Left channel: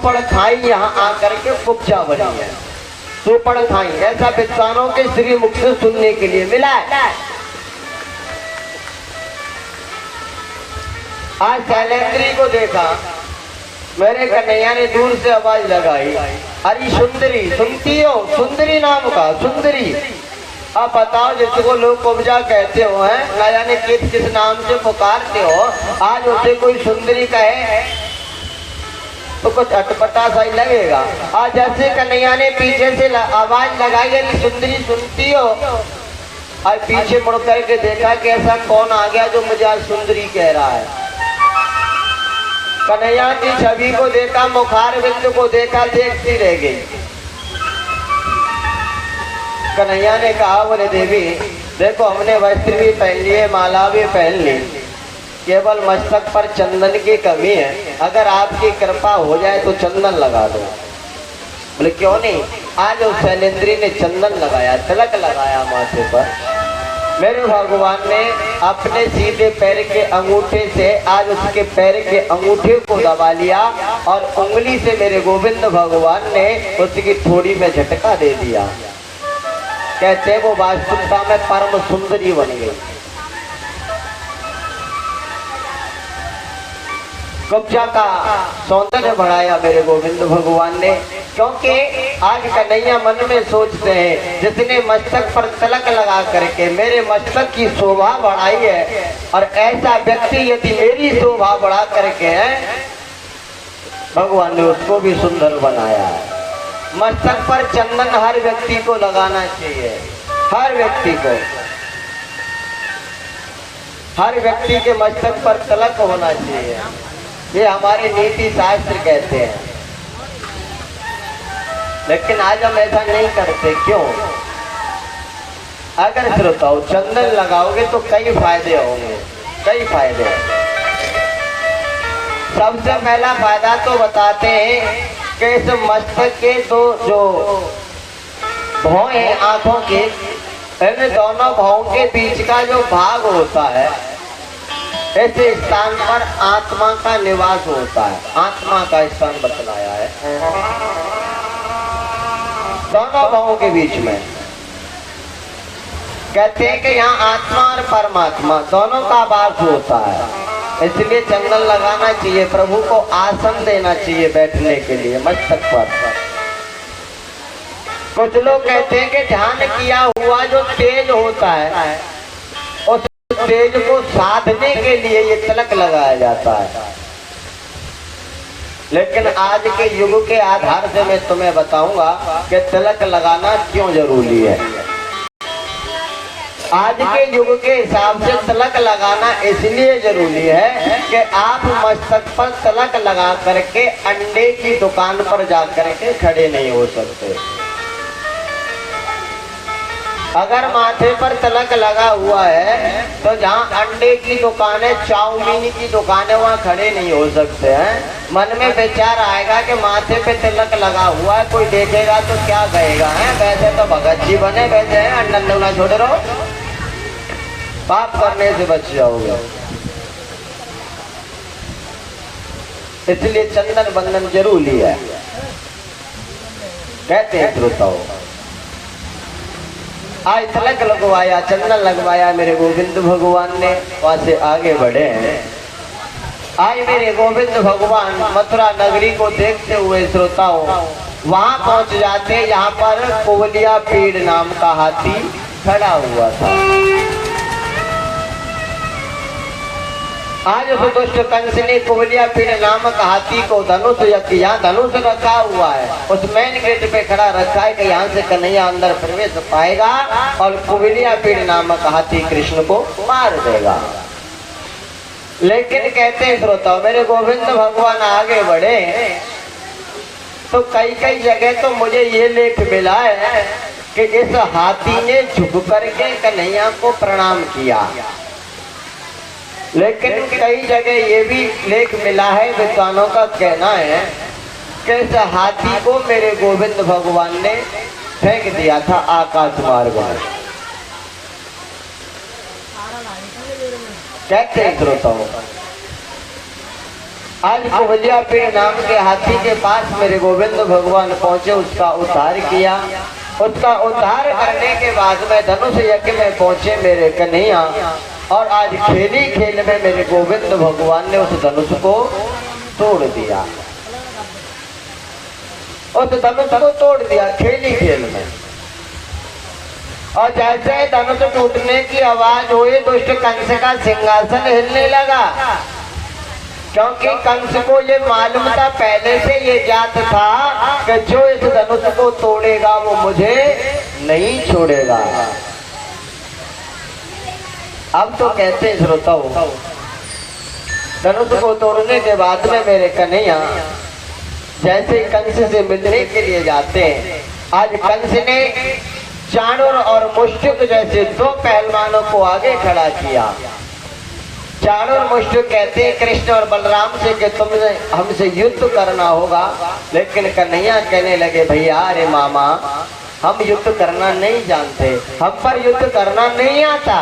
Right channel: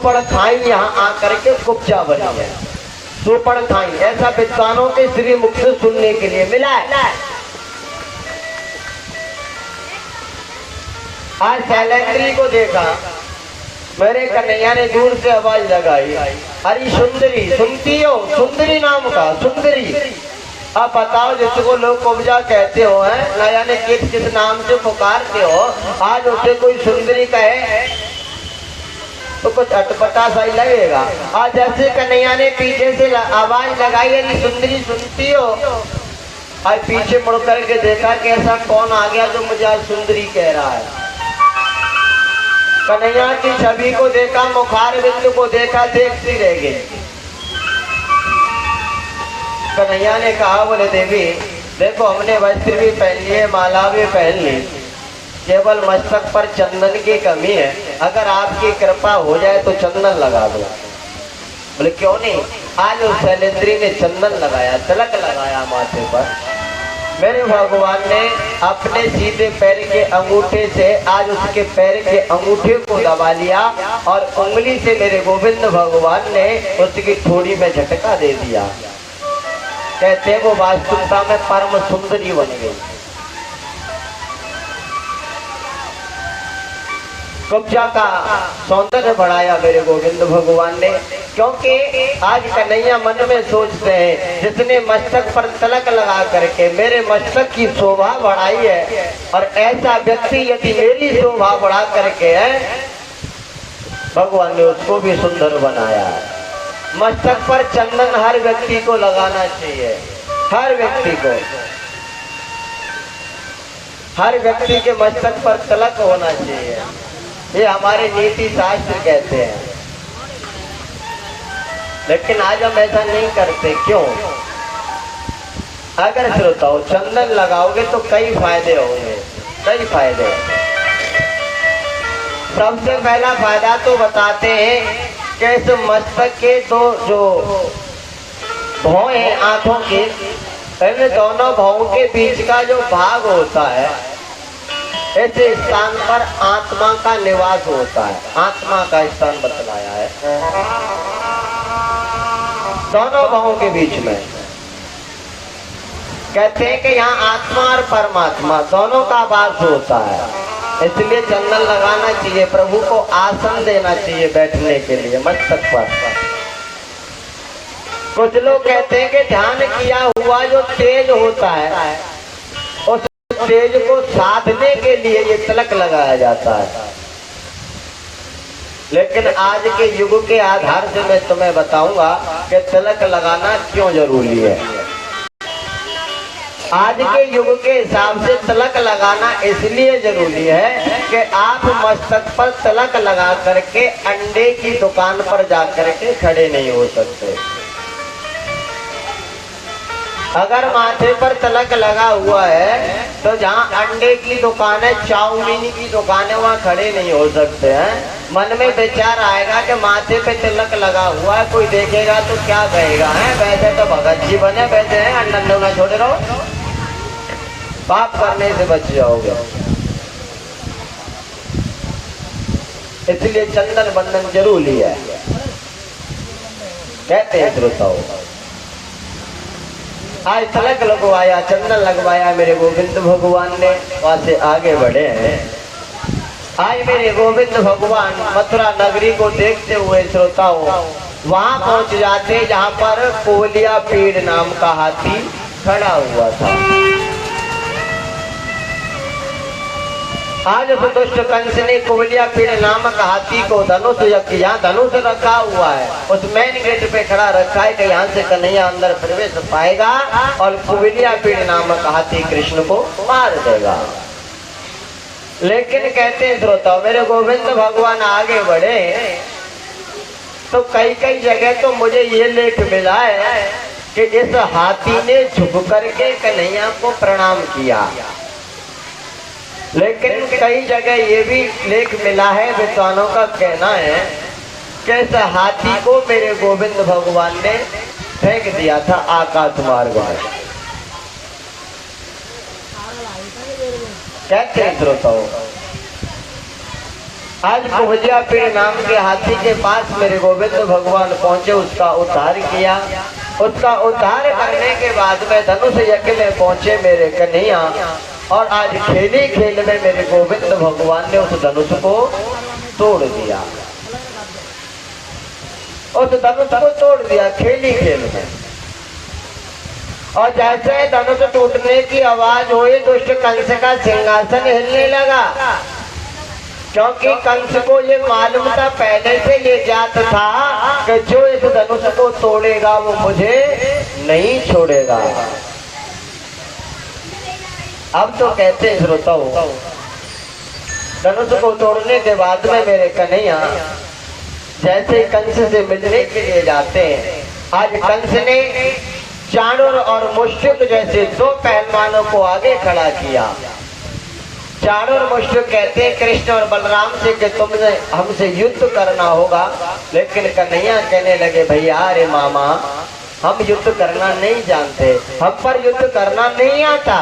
सुपड़ खाई यहाँ आकर के कुब्जा बनी है। सुपड़ खाई ऐसा विद्वानों के श्री मुख से सुनने के लिए मिला है। आज शैलेंद्री को देखा, मेरे कन्हैया ने दूर से आवाज लगाई, अरे सुंदरी, सुनती हो? सुंदरी नाम का सुंदरी। अब बताओ, जिसको लोग कुब्जा कहते हो हैं, ना जाने किस नाम से पुकारते हो, आज उसे कोई सुंदरी कहे तो कुछ अटपटा सा ही लगेगा। आज जैसे कन्हैया ने पीछे से आवाज लगाई, अरे सुंदरी सुनती हो? आज पीछे मुड़ करके देखा कि ऐसा कौन आ गया जो मुझे आज सुंदरी कह रहा है। कन्हैया की छवि को देखा, मुखार बिंदु को देखा, देखती रह गई। कन्हैया ने कहा, बोले देवी देखो, हमने वस्त्र भी पहन लिए, माला भी पहन ली, केवल मस्तक पर चंदन की कमी है। अगर आपकी कृपा हो जाए तो चंदन लगा दो। बोले क्यों नहीं? आज उस शैलेंद्री ने चंदन लगाया, तिलक लगाया माथे पर। मेरे भगवान ने अपने सीधे पैर के अंगूठे से आज उसके पैर के अंगूठे को दबा लिया और उंगली से मेरे गोविंद भगवान ने उसकी ठोड़ी में झटका दे दिया। कहते वो वास्तविकता में परम सुंदरी बन गई। कुब्जा का सौंदर्य बढ़ाया मेरे गोविंद भगवान ने, क्योंकि आज कन्हैया मन में सोचते हैं, जिसने मस्तक पर तिलक लगा करके मेरे मस्तक की शोभा बढ़ाई है, और ऐसा व्यक्ति यदि मेरी शोभा बढ़ा करके है, भगवान ने उसको भी सुंदर बनाया है। मस्तक पर चंदन हर व्यक्ति को लगाना चाहिए, हर व्यक्ति को, हर व्यक्ति के मस्तक पर तिलक होना चाहिए। ये हमारे नीति शास्त्र कहते हैं, लेकिन आज हम ऐसा नहीं करते। क्यों? अगर श्रोताओं चंदन लगाओगे तो कई फायदे होंगे, कई फायदे। सबसे पहला फायदा तो बताते हैं कि इस मस्तक के दो जो भौं हैं आंखों के, इन दोनों भौं के बीच का जो भाग होता है, ऐसे स्थान पर आत्मा का निवास होता है, आत्मा का स्थान बतलाया है दोनों भावों के बीच में। कहते हैं कि यहाँ आत्मा और परमात्मा दोनों का वास होता है, इसलिए चंदन लगाना चाहिए, प्रभु को आसन देना चाहिए बैठने के लिए मस्तक पर। कुछ लोग कहते हैं कि ध्यान किया हुआ जो तेज होता है, उस तेज को साधने के लिए ये तिलक लगाया जाता है। लेकिन आज के युग के आधार से मैं तुम्हें बताऊंगा कि तिलक लगाना क्यों जरूरी है। आज के युग के हिसाब से तिलक लगाना इसलिए जरूरी है कि आप मस्तक पर तिलक लगा करके अंडे की दुकान पर जा करके खड़े नहीं हो सकते। अगर माथे पर तिलक लगा हुआ है तो जहाँ अंडे की दुकान है, चाउमीन की दुकान है, वहाँ खड़े नहीं हो सकते हैं। मन में विचार आएगा कि माथे पे तिलक लगा हुआ है, कोई देखेगा तो क्या कहेगा है, वैसे तो भगत जी बने बैठे हैं, अंडा ना छोड़े रहो, पाप करने से बच जाओगे। इसलिए चंदन बंधन जरूरी है, कहते हैं श्रोताओं। आज तिलक लगवाया, चंदन लगवाया मेरे गोविंद भगवान ने, वहां से आगे बढ़े हैं। आज मेरे गोविंद भगवान मथुरा नगरी को देखते हुए श्रोताओं वहां पहुंच जाते जहां पर कोवलिया पीड़ नाम का हाथी खड़ा हुआ था। आज उस दुष्ट कंस ने कोवलिया पीड़ नामक हाथी को धनुष, यहाँ धनुष रखा हुआ है, उस मेन गेट पे खड़ा रखा है कि यहाँ से कन्हैया अंदर प्रवेश पाएगा और कोवलिया पीड़ नामक हाथी कृष्ण को मार देगा। लेकिन कहते हैं श्रोताओं मेरे गोविंद भगवान आगे बढ़े तो कई कई जगह तो मुझे ये लेख मिला है कि इस हाथी ने झुक करके कन्हैया को प्रणाम किया। लेकिन कई जगह ये भी लेख मिला है, विद्वानों का कहना है कि इस हाथी को मेरे गोविंद भगवान ने फेंक दिया था आकाश मार्ग में। कहते हैं श्रोताओं आज कुबलिया पीर नाम के हाथी के पास मेरे गोविंद भगवान पहुंचे, उसका उद्धार किया। उसका उद्धार करने के बाद में धनुष यज्ञ में पहुंचे मेरे कन्हैया, और आज खेली खेल में मेरे गोविंद भगवान ने उस धनुष को तोड़ दिया। उस धनुष को तोड़ दिया खेली खेल में। और जैसे धनुष टूटने की आवाज हुई दुष्ट कंस का सिंहासन हिलने लगा, क्योंकि कंस को ये मालूम था, पहले से ये जात था कि जो इस धनुष को तोड़ेगा वो मुझे नहीं छोड़ेगा। अब तो कहते श्रोताओ, धनुष को तोड़ने के बाद में मेरे कन्हैया जैसे कंस से मिलने के लिए जाते हैं, आज कंस ने चाणूर और मुष्टिक जैसे दो पहलवानों को आगे खड़ा किया। चाणूर मुष्टिक कहते हैं कृष्ण और बलराम से कि तुमने हमसे युद्ध करना होगा, लेकिन कन्हैया कहने लगे भैया अरे मामा हम युद्ध करना नहीं जानते, हम पर युद्ध करना नहीं आता।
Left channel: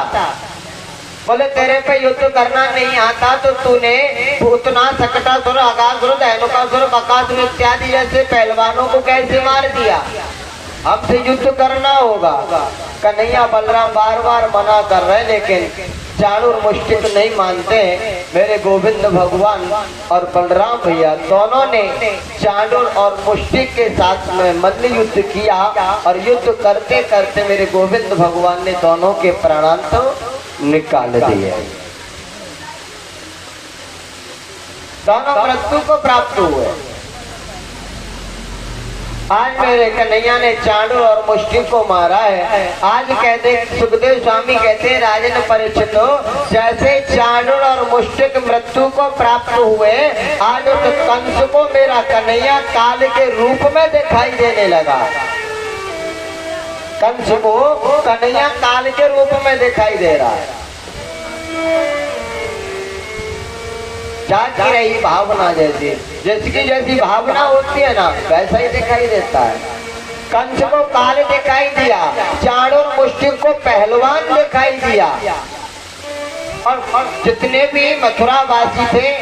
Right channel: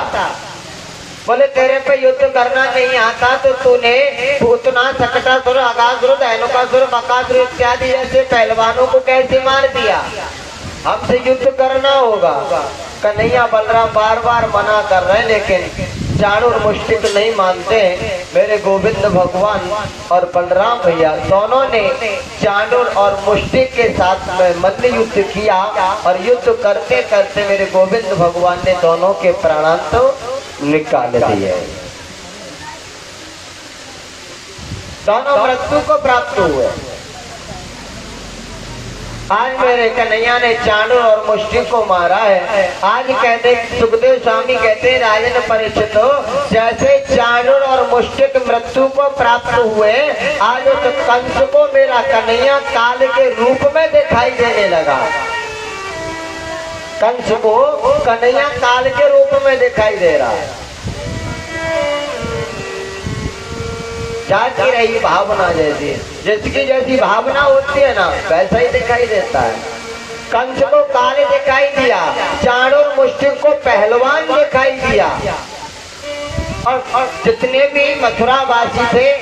बोले तेरे पे युद्ध करना नहीं आता तो तूने भूतनाथ, सकटासुर, अगासुर, धेनुकासुर, बकासुर इत्यादि जैसे पहलवानों को कैसे मार दिया? हमसे युद्ध करना होगा। कन्हैया बलराम बार बार मना कर रहे, लेकिन चाणूर मुष्टिक नहीं मानते। मेरे गोविंद भगवान और बलराम भैया दोनों ने चाणूर और मुष्टिक के साथ में मल्ल युद्ध किया, और युद्ध करते करते मेरे गोविंद भगवान ने दोनों के प्राणांत निकाल दिए। दोनों मृत्यु को प्राप्त हुए। आज मेरे कन्हैया ने चाणूर और मुष्टिक को मारा है। आज कहते सुखदेव स्वामी कहते हैं राजन परीक्षित, जैसे चाणूर और मुष्टिक मृत्यु को प्राप्त हुए, आज उस कंस को मेरा कन्हैया काल के रूप में दिखाई देने लगा। कंस को कन्हैया काल के रूप में दिखाई दे रहा है। जाती रही भावना जैसी, जिसकी जैसी भावना होती है ना वैसा ही दिखाई देता है। कंस को काल दिखाई दिया, चाणूर मुष्टिक को पहलवान दिखाई दिया, और जितने भी मथुरा वासी थे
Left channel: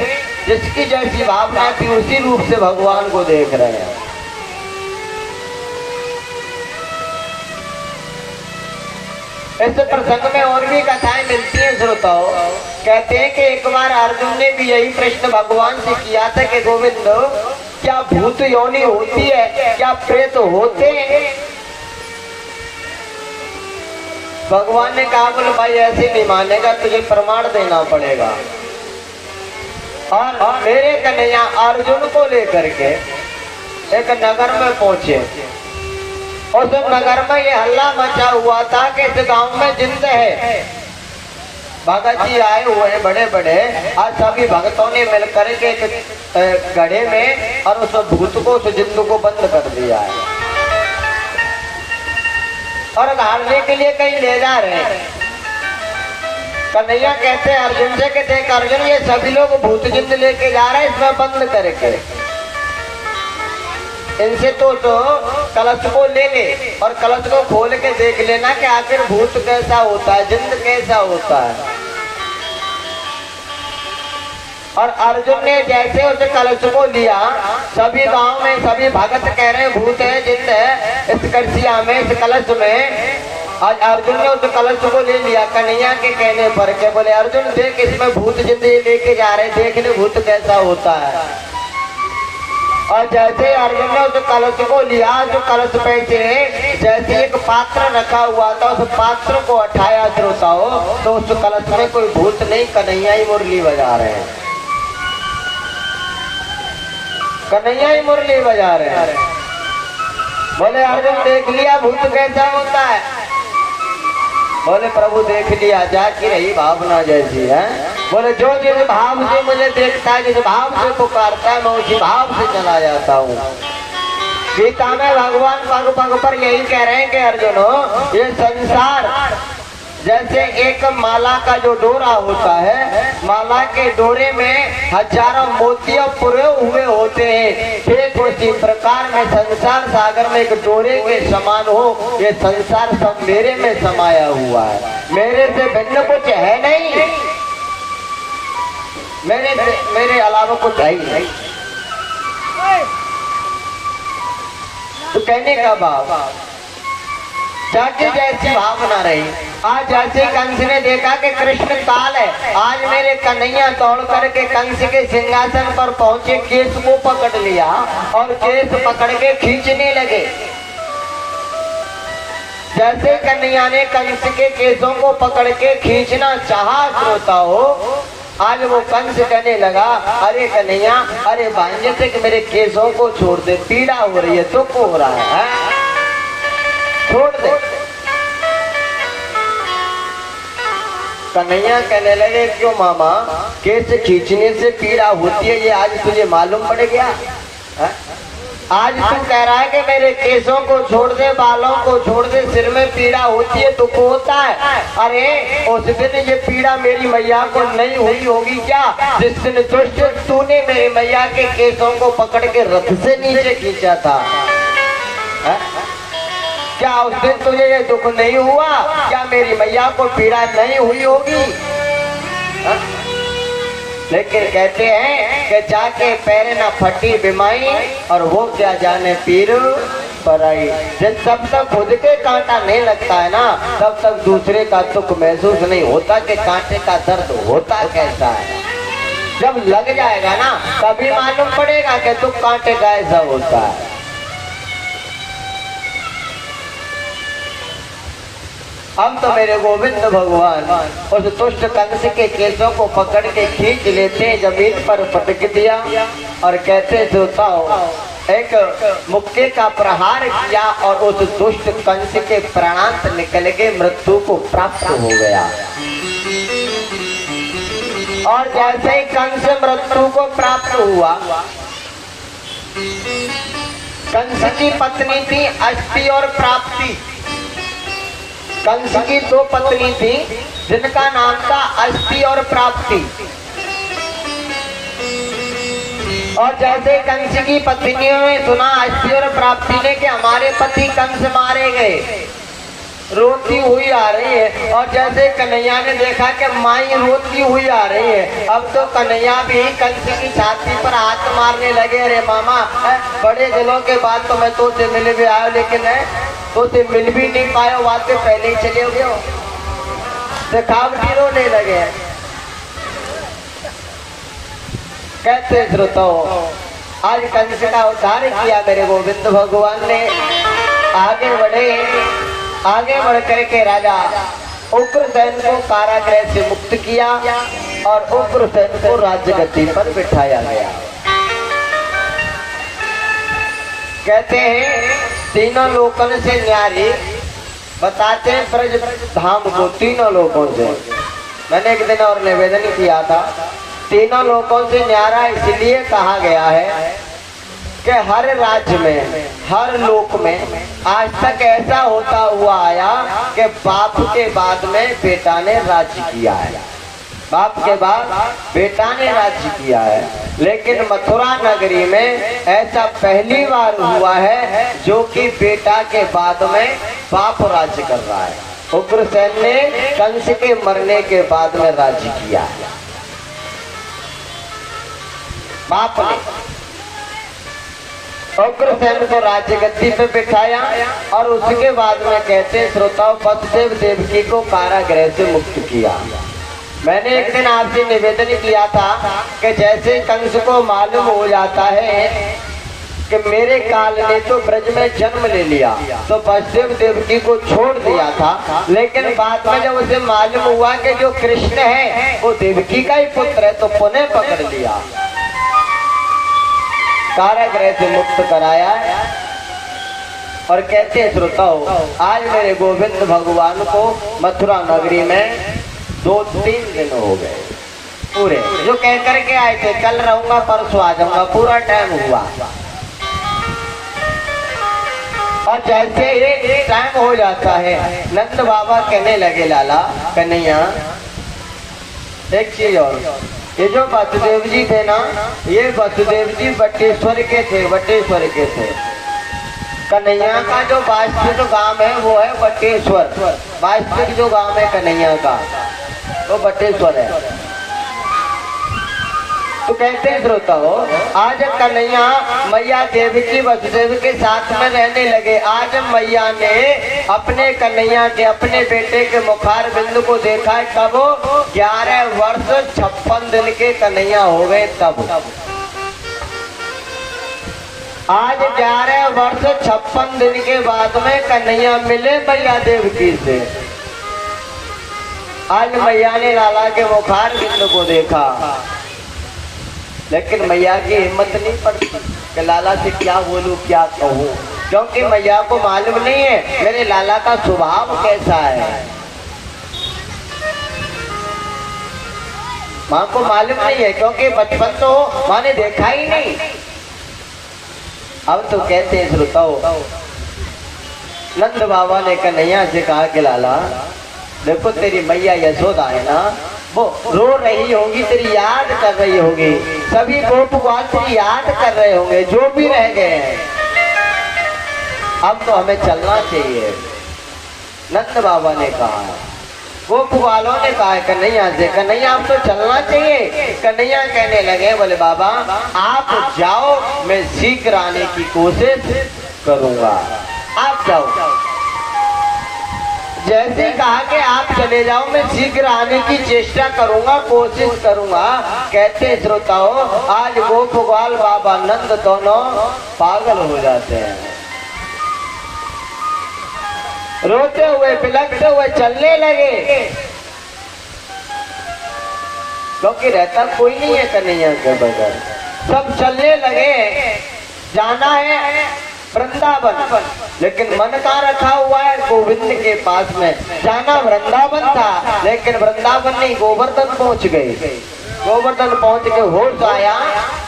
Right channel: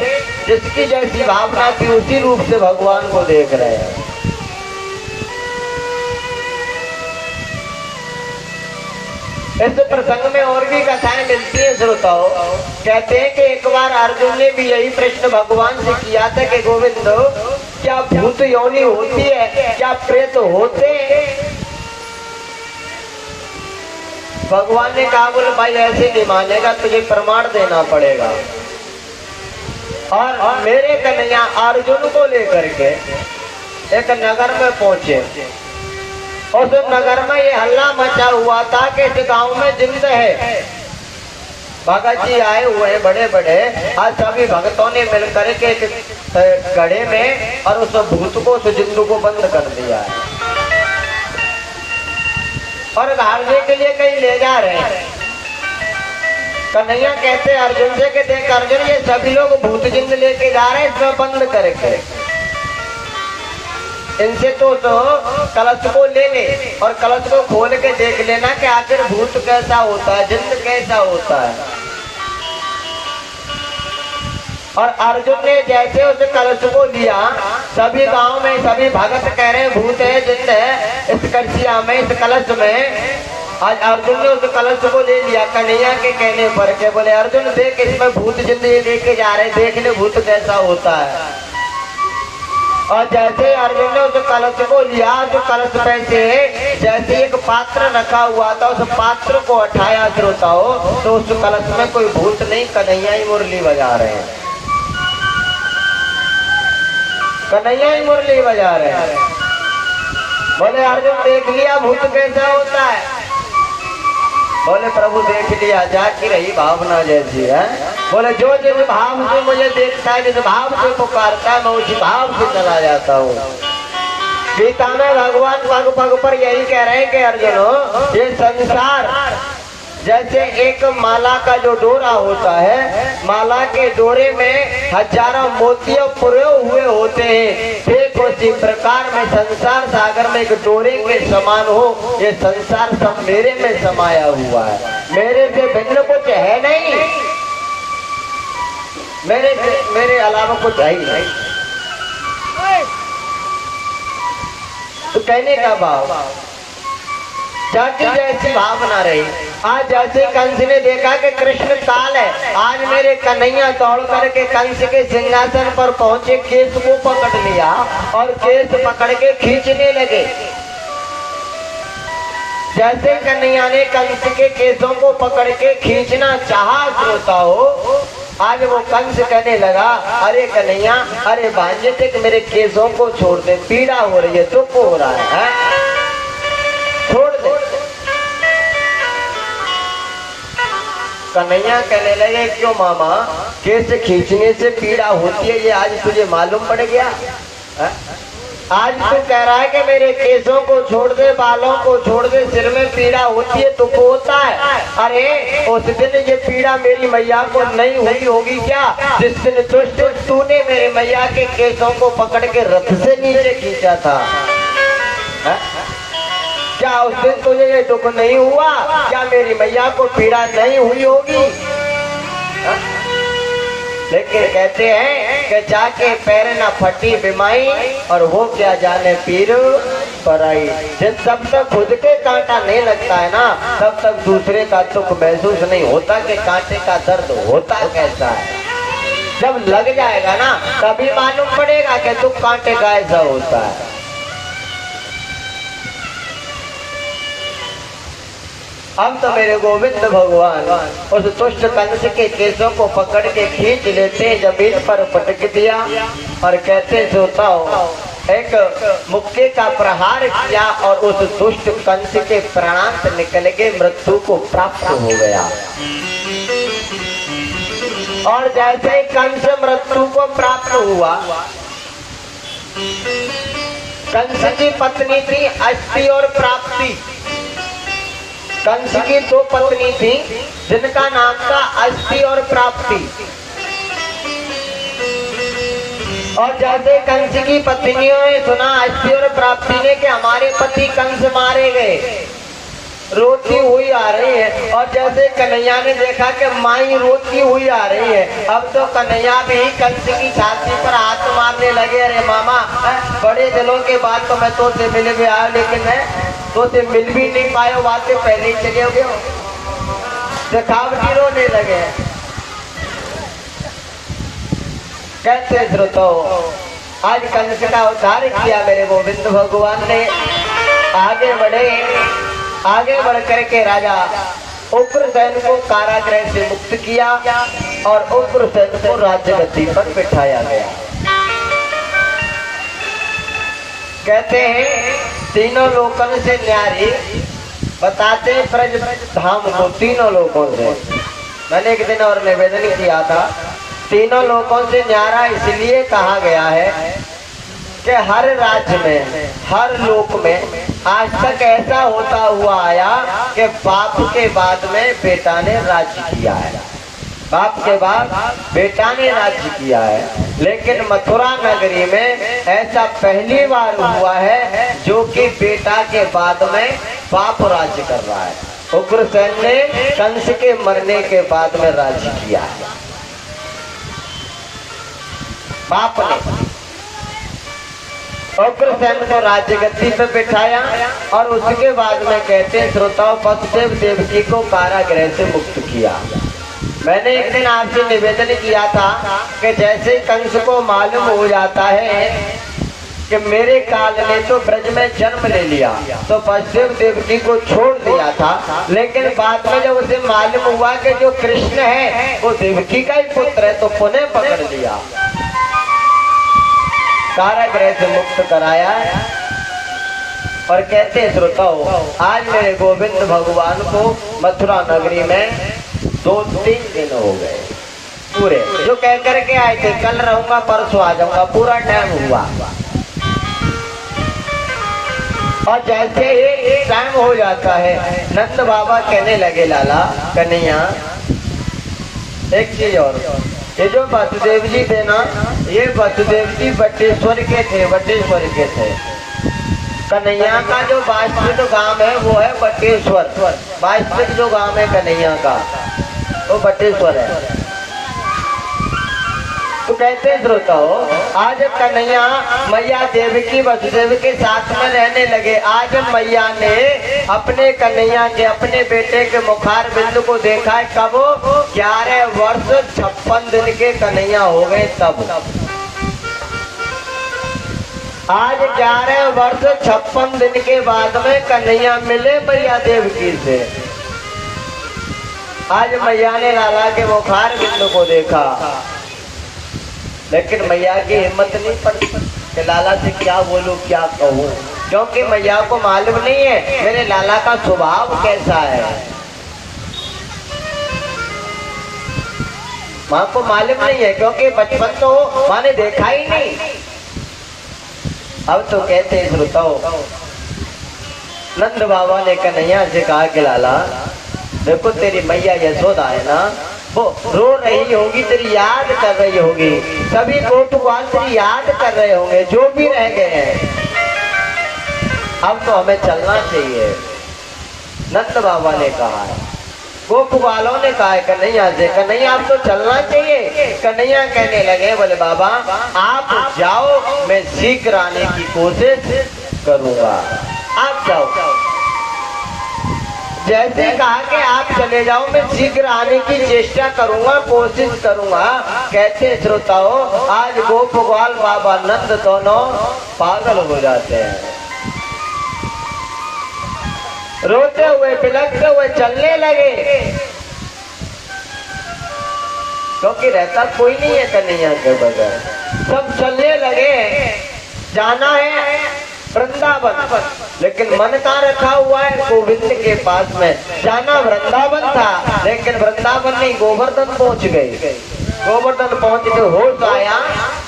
जिसकी जैसी भावना थी उसी रूप से भगवान को देख रहे हैं। इस प्रसंग में और भी कथाएं मिलती हैं श्रोताओं। कहते हैं कि एक बार अर्जुन ने भी यही प्रश्न भगवान से किया था कि गोविंद क्या भूत योनि होती है, क्या प्रेत होते हैं? भगवान ने कहा बोले भाई ऐसे नहीं मानेगा, तुझे प्रमाण देना पड़ेगा। और मेरे कन्हैया अर्जुन को लेकर के एक नगर में पहुंचे। उस नगर में ये हल्ला मचा हुआ था कि इस गांव में जिंद है। भगत जी आए हुए हैं बड़े बड़े, आज सभी भक्तों ने मिलकर के गढ़े में और उस भूत को, उस जिंद को बंद कर दिया है, और घालने के लिए कहीं ले जा रहे हैं। कन्हैया कहते हैं अर्जुन से कि देख अर्जुन, ये सभी लोग भूत जिंद लेके जा रहे हैं, इसमें बंद करके इनसे तो कलश को ले ले और कलश को खोल के देख लेना कि आखिर भूत कैसा होता है, जिंद कैसा होता है। और अर्जुन ने जैसे उस कलश को लिया, सभी गांव में सभी भगत कह रहे हैं भूत है, जिंद है इस कलसिया में, इस कलश में। आज अर्जुन ने उस कलश को ले लिया कन्हैया के कहने पर के बोले अर्जुन देख इसमें भूत जिंद लेके जा रहे, देख ले भूत कैसा होता है। और जैसे अर्जुन ने उस कलश को लिया, जो कलश पे से जैसे एक पात्र रखा हुआ था, उस पात्र को उठाया श्रोताओं, तो उस कलश में कोई भूत नहीं, कन्हैया ही मुरली बजा रहे हैं, कन्हैया ही मुरली बजा रहे हैं। बोले अर्जुन देख लिया भूत कैसा होता है? बोले प्रभु देख लिया, जाती रही भावना जैसी है। बोले जो जिस भाव से मुझे देखता है, जिस भाव से पुकारता है, मैं उसी भाव से चला जाता हूँ। गीता में भगवान पग पग पर यही कह रहे हैं कि अर्जुन ये संसार जैसे एक माला का जो डोरा होता है, माला के डोरे में हजारों मोती पुरे हुए होते हैं, ठीक उसी प्रकार में संसार सागर में एक डोरे के समान हो, ये संसार सब मेरे में समाया हुआ है, मेरे से भिन्न कुछ है नहीं। मेरे अलावा कुछ है ही नहीं। तो कहने का भाव चाची जैसी भावना रही। आज जैसे कंस ने देखा कि कृष्ण काल है, आज मेरे कन्हैया दौड़ करके कंस के सिंहासन पर पहुंचे, केस को पकड़ लिया और केस पकड़ के खींचने लगे। जैसे कन्हैया ने कंस के केसों को पकड़ के खींचना चाहा श्रोताओ, आज वो कंस कहने लगा, अरे कन्हैया, अरे भांजे से कि मेरे केसों को छोड़ दे, पीड़ा हो रही है, दुख हो रहा है, छोड़ दे। कन्हैया कहने लगे, क्यों मामा, केस खींचने से पीड़ा होती है, ये आज तुझे मालूम पड़ गया है? आज तू कह रहा है कि मेरे केसों को छोड़ दे, बालों को छोड़ दे, सिर में पीड़ा होती है, दुख होता है। अरे उस दिन ये पीड़ा मेरी मैया को नहीं हुई होगी क्या, जिस दिन तूने मेरे मैया के केसों को पकड़ के रथ से नीचे खींचा था? है? क्या उस दिन तुझे ये दुख नहीं हुआ? क्या मेरी मैया को पीड़ा नहीं हुई होगी? है? लेकिन कहते हैं कि जाके पैर न फटी बिमाई, और वो क्या जाने पीर पराई। जब तक खुद के कांटा नहीं लगता है ना, तब तक दूसरे का दुख महसूस नहीं होता कि कांटे का दर्द होता कैसा है। जब लग जाएगा ना, तभी मालूम पड़ेगा कि दुख कांटे का ऐसा होता है। अब तो मेरे गोविंद भगवान उस दुष्ट कंस के केसों को पकड़ के खींच लेते, जमीन पर पटक दिया और कहते, सोताओ, एक मुक्के का प्रहार किया और उस दुष्ट कंस के प्राणांत निकल के मृत्यु को प्राप्त हो गया। और जैसे ही कंस मृत्यु को प्राप्त हुआ, कंस की पत्नी थी अस्थि और प्राप्ति। कंस की दो पत्नी थी जिनका नाम था अस्थि और प्राप्ति। और जैसे कंस की पत्नियों ने सुना, अस्थि और प्राप्ति ने, कि हमारे पति कंस मारे गए, रोती हुई आ रही है। और जैसे कन्हैया ने देखा कि माई रोती हुई आ रही है, अब तो कन्हैया भी कंस की छाती पर हाथ मारने लगे, अरे मामा, बड़े दिनों के बाद तो मैं तो से मिले भी आया, लेकिन तो से मिल भी नहीं पाए, बातें पहले ही चले गए, दिखावटी रोने लगे। कहते श्रोताओ, आज कंस का उद्धार किया मेरे गोविंद भगवान ने। आगे बढ़ करके राजा उग्रसेन को कारागृह से मुक्त किया और उग्रसेन को राज्यगद्दी पर बिठाया गया। कहते हैं तीनों लोकन से न्यारी, बताते हैं ब्रज धाम को तीनों लोगों से। मैंने एक दिन और निवेदन किया था, तीनों लोगों से न्यारा इसलिए कहा गया है कि हर राज्य में, हर लोक में आज तक ऐसा होता हुआ आया कि बाप के बाद में बेटा ने राज्य किया है, बाप के बाद बेटा ने राज्य किया है। लेकिन मथुरा नगरी में ऐसा पहली बार हुआ है जो कि बेटा के बाद में बाप राज्य कर रहा है। उग्रसेन ने कंस के मरने के बाद में राज्य किया है, बाप ने उग्रसेन को राज्यगद्दी पे बिठाया। और उसके बाद में कहते हैं श्रोताओं, वसुदेव देवकी को कारागृह से मुक्त किया। मैंने एक दिन आपसे निवेदन किया था कि जैसे कंस को मालूम हो जाता है कि मेरे काल ने तो ब्रज में जन्म ले लिया, तो वसुदेव देवकी को छोड़ दिया था। लेकिन बाद में जब उसे मालूम हुआ कि जो कृष्ण है वो देवकी का ही पुत्र है, तो पुनः पकड़ लिया, कारागृह से मुक्त कराया। और कहते हैं श्रोताओ, आज मेरे गोविंद भगवान को मथुरा नगरी में 2-3 दिन हो गए पूरे, जो कह करके आए थे कल रहूंगा परसों आ जाऊंगा, पूरा टाइम हुआ। और जैसे ही टाइम हो जाता है, नंद बाबा कहने लगे, लाला कन्हैया एक चीज और, ये जो वसुदेव जी थे ना, ये वसुदेव जी बटेश्वर के थे, बटेश्वर के थे। कन्हैया का जो वास्तविक गांव है वो है बटेश्वर, वास्तविक जो गांव है कन्हैया का वो बटेश्वर है। कहते हैं श्रोताओ, आज कन्हैया मैया देवकी वसुदेव के साथ में रहने लगे। आज मैया ने अपने कन्हैया के, अपने बेटे के मुखार बिंदु को देखा है कब? 11 वर्ष 56 दिन के कन्हैया हो गए तब। आज 11 वर्ष 56 दिन के बाद में कन्हैया मिले मैया देवकी से। आज मैया ने लाला के मुखार बिंदु को देखा, लेकिन मैया की हिम्मत नहीं पड़ती कि लाला से क्या बोलूं, क्या कहूं, क्योंकि मैया को मालूम नहीं है मेरे लाला का स्वभाव कैसा है। माँ को मालूम नहीं है, क्योंकि बचपन तो माँ ने देखा ही नहीं। अब तो कहते हैं श्रोताओ, नंद बाबा ने कन्हैया से कहा कि लाला देखो, तेरी मैया यशोदा है ना, वो रो रही होगी, तेरी याद कर रही होगी, सभी गोप ग्वाल तेरी याद कर रहे होंगे, जो भी रह गए हैं। अब तो हमें चलना चाहिए, नंद बाबा ने कहा है। गोप ग्वालों ने कहा है कन्हैया से, कन्हैया अब तो चलना चाहिए। कन्हैया कहने लगे, बोले बाबा आप जाओ, मैं शीघ्र आने की कोशिश करूंगा, आप जाओ। जैसे कहा कि आप चले जाओ, मैं शीघ्र आने की चेष्टा करूंगा, कोशिश करूंगा। कहते श्रोताओ, आज गोप ग्वाल बाबा नंद दोनों पागल हो जाते हैं, रोते हुए बिलखते हुए चलने लगे, क्योंकि रहता कोई नहीं है कन्हैया के बगैर। सब चलने लगे, जाना है वृंदावन, लेकिन मन कहाँ रखा हुआ है? गोविंद के पास में। जाना वृंदावन था, लेकिन वृंदावन नहीं, गोवर्धन पहुंच गए। गोवर्धन पहुंच के होश आया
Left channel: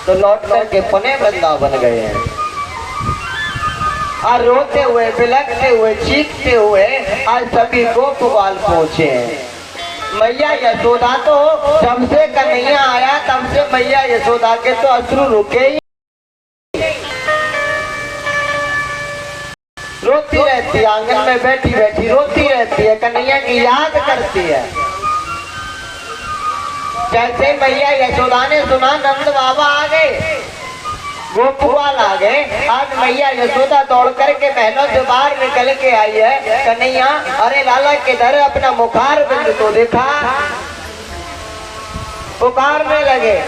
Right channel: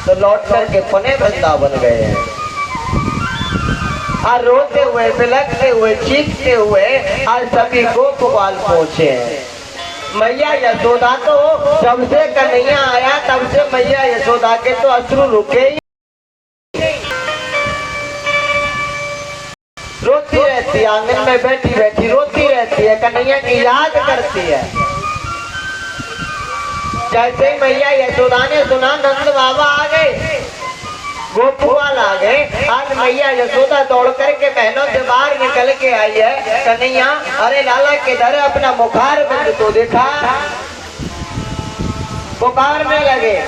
तो लौट करके पुनः वृंदावन गए हैं। और रोते हुए बिलखते हुए चीखते हुए आज सभी गोप ग्वाल पहुंचे हैं। मैया यशोदा तो जब से कन्हैया आया तब से मैया यशोदा के तो अश्रु रुके ही, रोती रहती है, आंगन में बैठी बैठी रोती रहती है, कन्हैया की याद करती है। जैसे मैया यशोदा ने सुना नंद बाबा आ गए, गोप ग्वाल आ गए, आज मैया यशोदा दौड़ करके महलों से बाहर निकल के आई है। कन्हैया अरे लाला किधर है, अपना मुखार बिंदु तो देखा, पुकारने लगे।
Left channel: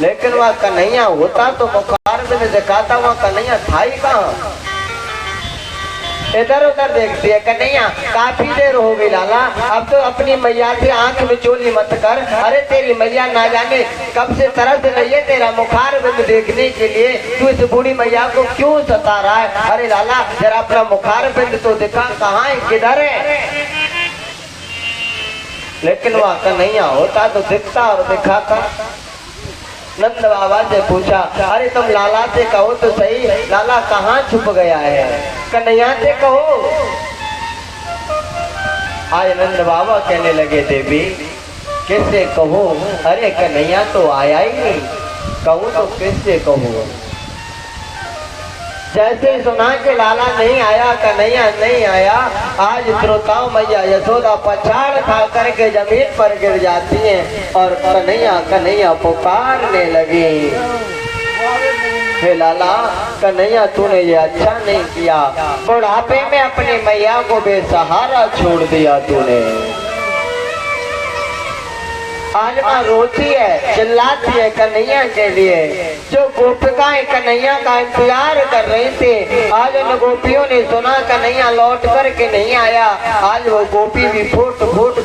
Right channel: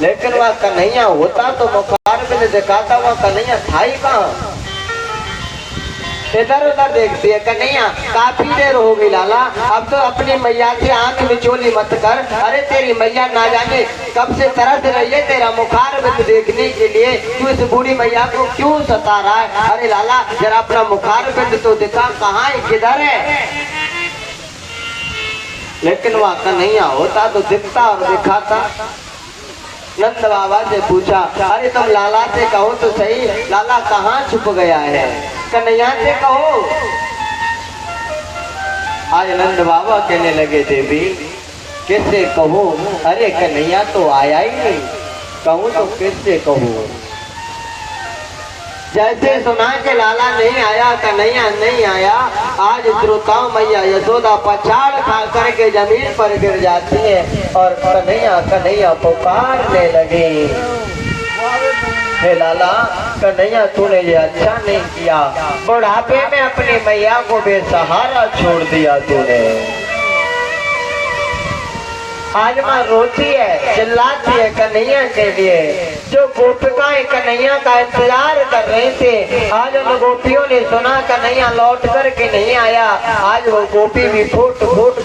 लेकिन वह कन्हैया होता तो मुखार बिंदु दिखाता, वह कन्हैया था ही कहाँ? इधर उधर देखती है कन्हैया, काफी देर हो गई लाला, अब तो अपनी मैया की आंख मिचोली मत कर। अरे तेरी मैया ना जाने कब से तरस रही है तेरा मुखार बिंदु देखने के लिए, तू इस बूढ़ी मैया को क्यों सता रहा है? अरे लाला जरा अपना मुखार बिंदु तो दिखा, कहाँ है, किधर है? लेकिन वह कन्हैया होता तो दिखता और दिखाता। नंद बाबा से पूछा, अरे तुम लाला से कहो तो सही, लाला कहाँ छुप गया है? कन्हैया से कहो। आज नंद बाबा कहने लगे, देवी कैसे कहो? अरे कन्हैया तो आया ही नहीं, कहूँ तो कैसे कहूँ? जैसे सुना के लाला नहीं आया, कन्हैया नहीं आया, आज श्रोताओं मैया यशोदा पछाड़ खा करके जमीन पर गिर जाती है और कन्हैया पुकारने लगी, हे लाला कन्हैया तूने ये अच्छा नहीं किया, बुढ़ापे में अपनी मैया को बेसहारा छोड़ दिया तूने। आज माँ रोती है, चिल्लाती है कन्हैया के लिए। जो गोपिकाएं कन्हैया का इंतजार कर रही थी, आज उन गोपियों ने सुना कन्हैया लौट कर के नहीं आया, आज वो गोपी भी फूट फूट